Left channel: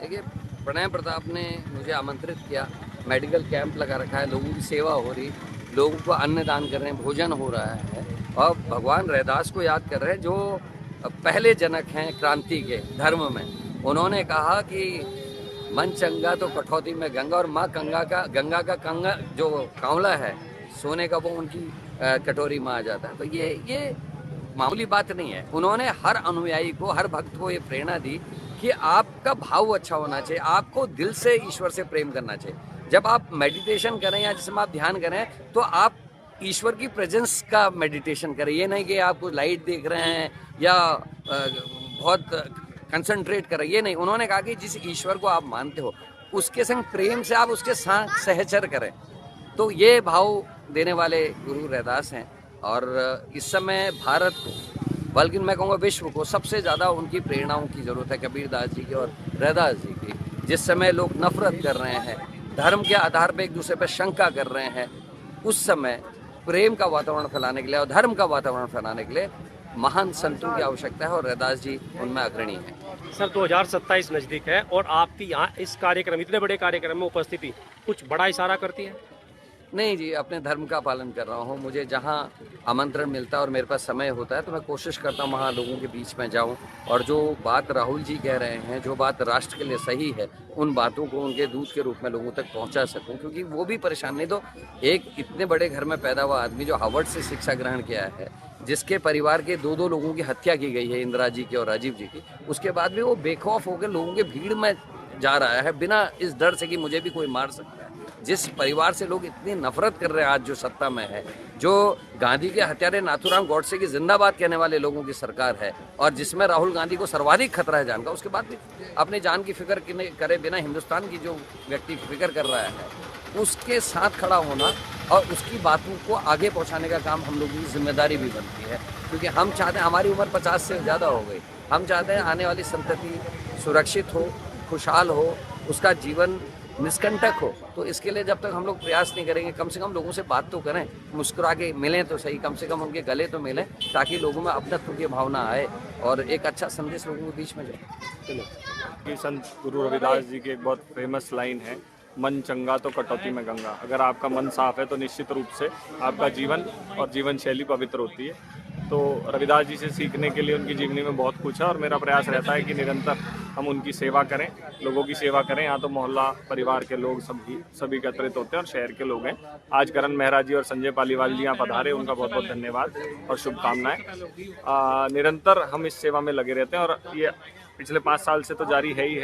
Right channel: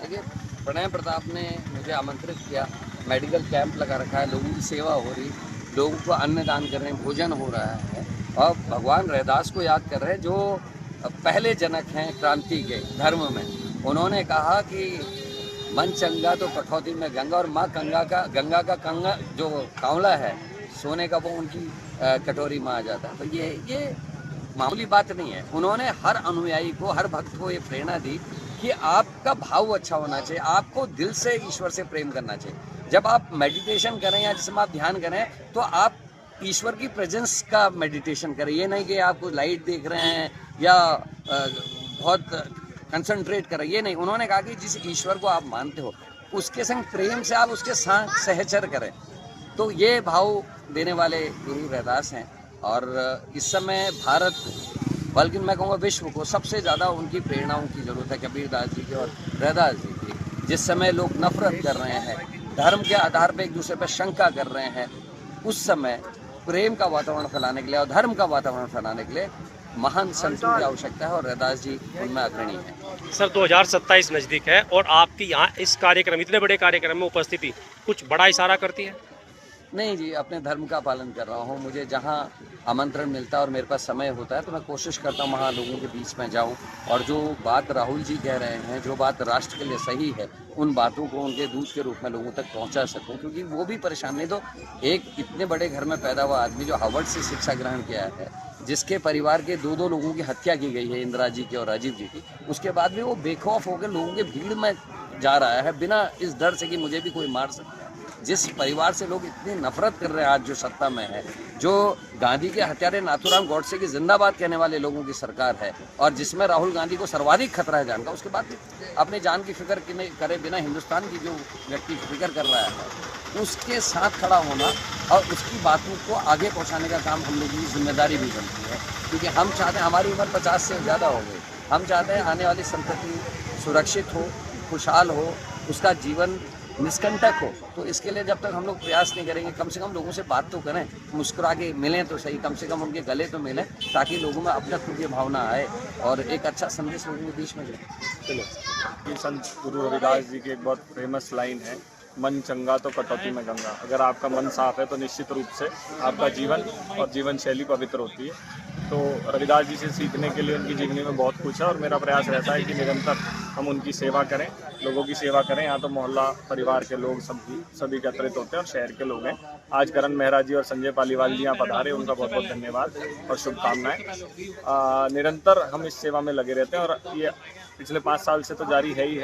देखिए, प्रणय प्रताप ने मुझे आमंत्रित किया, मेडिकल कैंप लगा रखा है, लोगों की सेवा हो रही, लोगों को अन्न दान कर रहे हैं, भोजन हो रहा है और भगवान रैदास को याद कर रहे हैं जो पहले जनक हैं क्रांति के धर्म में। उन्होंने कहा कि मन चंगा तो कठौती में गंगा, और माँ गंगा का कंगा जो कांवला है सोने का, वो उनकी कटोरी में आ जाता है। तो ये मामूली बात नहीं है। उन्होंने हर अनुयायी को, हर भक्त को ये प्रेरणा दी कि आपका भाव अच्छा होना चाहिए, आपको दिल से ईश्वर से प्रेम करना चाहिए। जब आप मेडिटेशन करें या जिसमें आप ध्यान करें तो आप ईश्वर की प्रेजेंस का मेडिटेशन करें। ये नहीं कि आप लाइट देख रहे हैं या बहुत कंसंट्रेट करें, ये नहीं। उन्होंने कहा कि जिस ईश्वर को आप मानते हो उसके संग प्रेम से आप उसके साथ सहचर करें। तो ये भाव देने वाले गुरु रैदास हैं और इस समय भारत को, बल्कि मैं कहूँगा विश्व को, सबसे ज़्यादा उनकी प्रेरणाओं की ज़रूरत है, कबीरदास जी की और रैदास जी की। जिस समय लोग नफरत कर रहे हैं, धर्म के आधार पर एक दूसरे पर शंका कर रहे हैं, उस समय प्रेम का वातावरण फैलाने के लिए और धर्म का वातावरण फैलाने के लिए महान संतों की आवश्यकता है और रैदास जी उनमें अग्रणी है। सर 2027 नज़दीक है और आपकी यहाँ इस कार्यक्रम, इतने बड़े कार्यक्रम में उपस्थिति कुछ बड़ा इशारा करती है? नहीं जी, अपने धर्म का पालन कर रहा हूँ। मुझे जहाँ आमंत्रण मिलता है और मेरे पास समय होता है तो मैं कोशिश करता हूँ वहाँ लोगों के बीच में जाऊँ और जो बात राहुल जी कह रहे हैं, जो बात राष्ट्र के लिए सही है, उन बातों को उनके दूत के रूप में लोगों तक पहुँचा सकूँ, क्योंकि वो भी परेशान नहीं। तो एक इतने बड़े घर में पैदा हुआ आदमी जो हार्वर्ड से शिक्षा ग्रहण किया है, जिसके परिवार के दो लोगों की हत्या की गई है, इंदिरा जी की और राजीव जी की, उसके बाद भी वो बेखौफ होकर लोगों के भीड़ में जा रहा है बिना इस डर से कि मुझे भी कोई मार सकता है। जिस परिवार से लोग इतनी नफरत कर रहे हैं आज जो सत्ता में है, जो गांधी के हत्यारे नाथूराम गॉडसे की जिंदाबाद कहने वाले लोगों की सरकार है और जिसमें राहुल गांधी को सर्वाधिक खतरा है जान का, उसके बाद भी अपने जान की फिक्र करे बिना हिंदुस्तान की जो व्यक्ति फिक्र कर रहा है उसके साथ खड़ा होना और उसकी बातों को आगे पहुंचाने का काम हम लोगों की जिम्मेदारी भी बनती है। क्योंकि हम चाहते हैं, हमारी उम्र 50 से ज़्यादा हो गई, हम चाहते हैं आने वाली संतति सुरक्षित हो, खुशहाल हो, उसका जीवन निष्कंटक हो। तो इसके लिए जब तक हम लोग प्रयास नहीं करेंगे, कम से कम लोगों से बात तो करें, मुस्कुरा के मिलें तो सही, कम से कम उनके गले तो मिलें, ताकि लोगों में अपनत्व की भावना आए और एक अच्छा संदेश लोगों के बीच में जाए। चलो, संत गुरु रविदास जी की एक बहुत फेमस लाइन है, मन चंगा तो कटौती में गंगा। अगर आपका मन साफ है तो निश्चित रूप से आपका जीवन और जीवन शैली पवित्र होती है। तो रविदास जी से सीखने के लिए उनकी जीवनी में बहुत कुछ है और मेरा प्रयास रहता है कि निरंतर हम उनकी सेवा करें, लोगों की सेवा करें। यहाँ तो मोहल्ला परिवार के लोग सभी एकत्रित होते हैं और शहर के लोग हैं। आज करण मेहरा जी और संजय पालीवाल जी यहाँ पधारे, उनका बहुत बहुत धन्यवाद और शुभकामनाएं। निरंतर हम इस सेवा में लगे रहते हैं और ये पिछले 5 साल से तो जारी है ही है।